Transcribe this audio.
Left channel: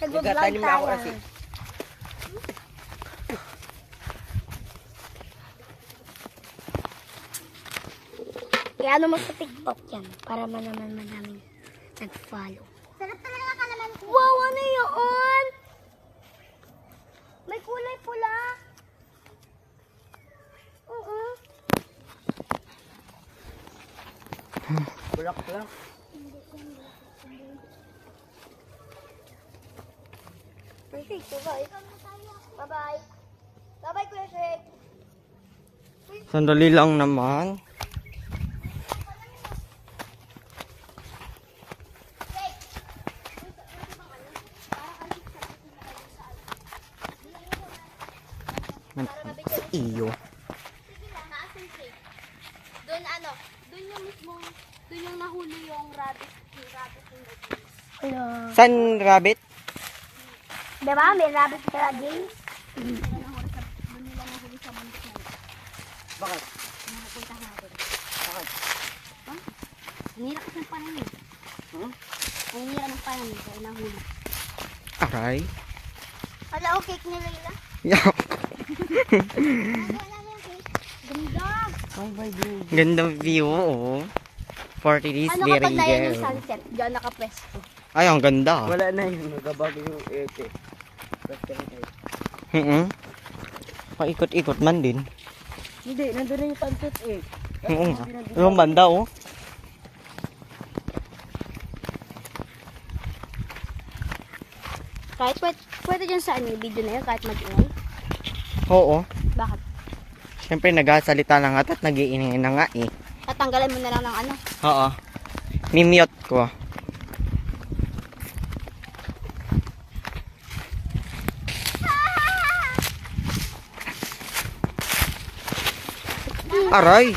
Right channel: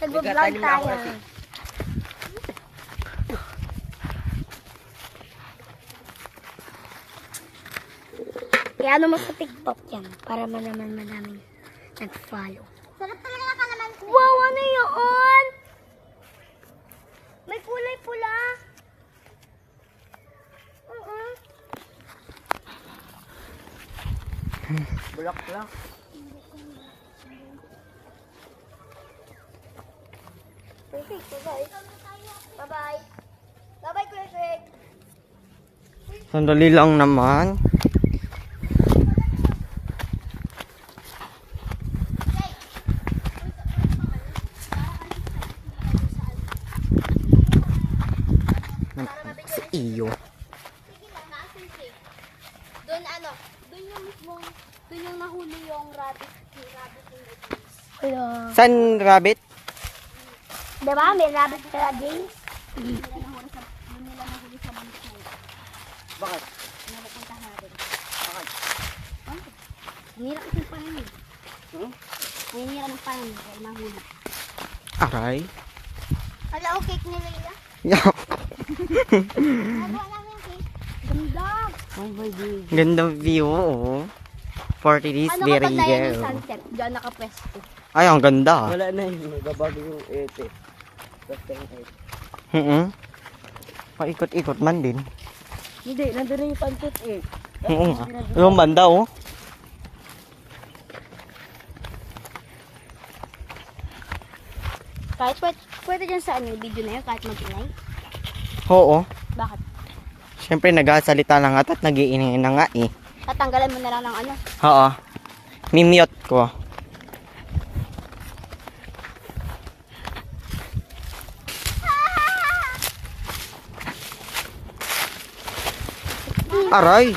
Nag-vlog tayo. Kaya ano mo sa TikTok yan para naman madaming nag-follow. Sarap talaga ka naman. Wow, ano yun? May kulay pula. Bulak lang. Perfect. Bye-bye. Bye-bye. Bye-bye, Kuya Greg. Sandali lang naman. Iyo. Doon ano, doon yung mismong, doon yung nahuli yung rabbit in the games. Hello. San rabbit? Diba? May rabbit sa games. Bakit? Doon nila nahuli sa bundok na yun. Bakit? Napunta natin. Bakit? Hinirap ng panin eh. Ay, hinirap ng panin kaya nahuli. Aray. Hala, okay nila nila. Yeah. Ganda! Oh my God. Gandang view, oh. 40 days, Ano very kapag na yan yung good. sunset? Diyan nakapwesto. Ay, ang ganda. Wala na yun. Nagbabago yung ete. Basta yung ete. Paikot-ikot man din. Hindi, nandun na yung pantot eh. Oo nga. Yung banda, oh. Kahit pwede dyan sa ano, video na yun, kahit mag-ingay. Oo. Bakit? Siyempre, nagsasalita na nga at nag-iingay na nga eh. Tatanggalan mo na lang ng ano. Oo. Mimute ko. Aray!